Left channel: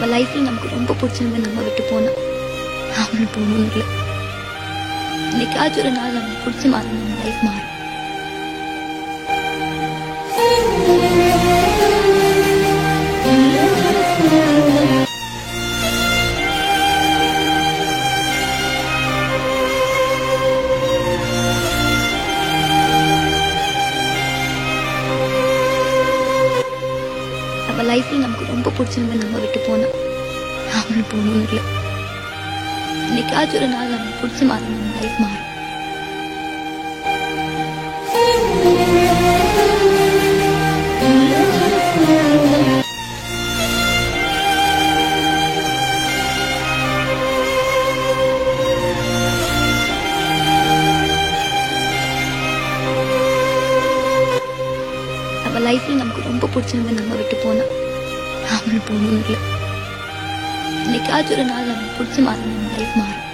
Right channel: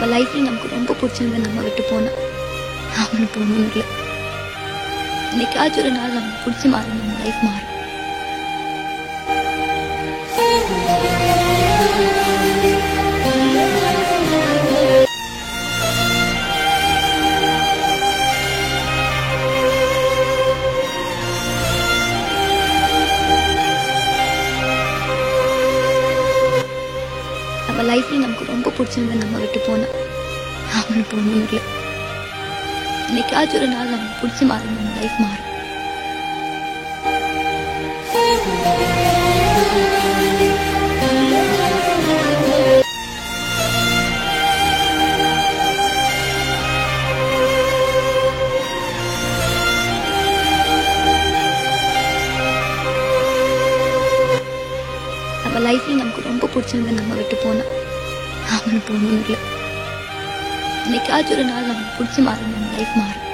நம்ம லைஃப்ல நமக்கு ரொம்ப பிடிச்சவங்க நம்ம விட்டு போனா நாமளும் போகணும்னு இல்லை. இன்னைக்காச்சும் ஒரு நாள் நமக்கு பிடிச்ச மாதிரி நம்ம லைஃப் மாறும். நம்ம லைஃப்ல நமக்கு ரொம்ப பிடிச்சவங்க நம்ம விட்டு போனா நாமளும் போகணும்னு இல்லை. இன்னைக்காச்சும் ஒரு நாள் நமக்கு பிடிச்ச மாதிரி நம்ம லைஃப் மாறும். நம்ம லைஃப்ல நமக்கு ரொம்ப பிடிச்சவங்க நம்ம விட்டு போனா நாமளும் போகணும்னு இல்லை. இன்னைக்காச்சும் ஒரு நாள் நமக்கு பிடிச்ச மாதிரி நம்ம லைஃப் மாறும்.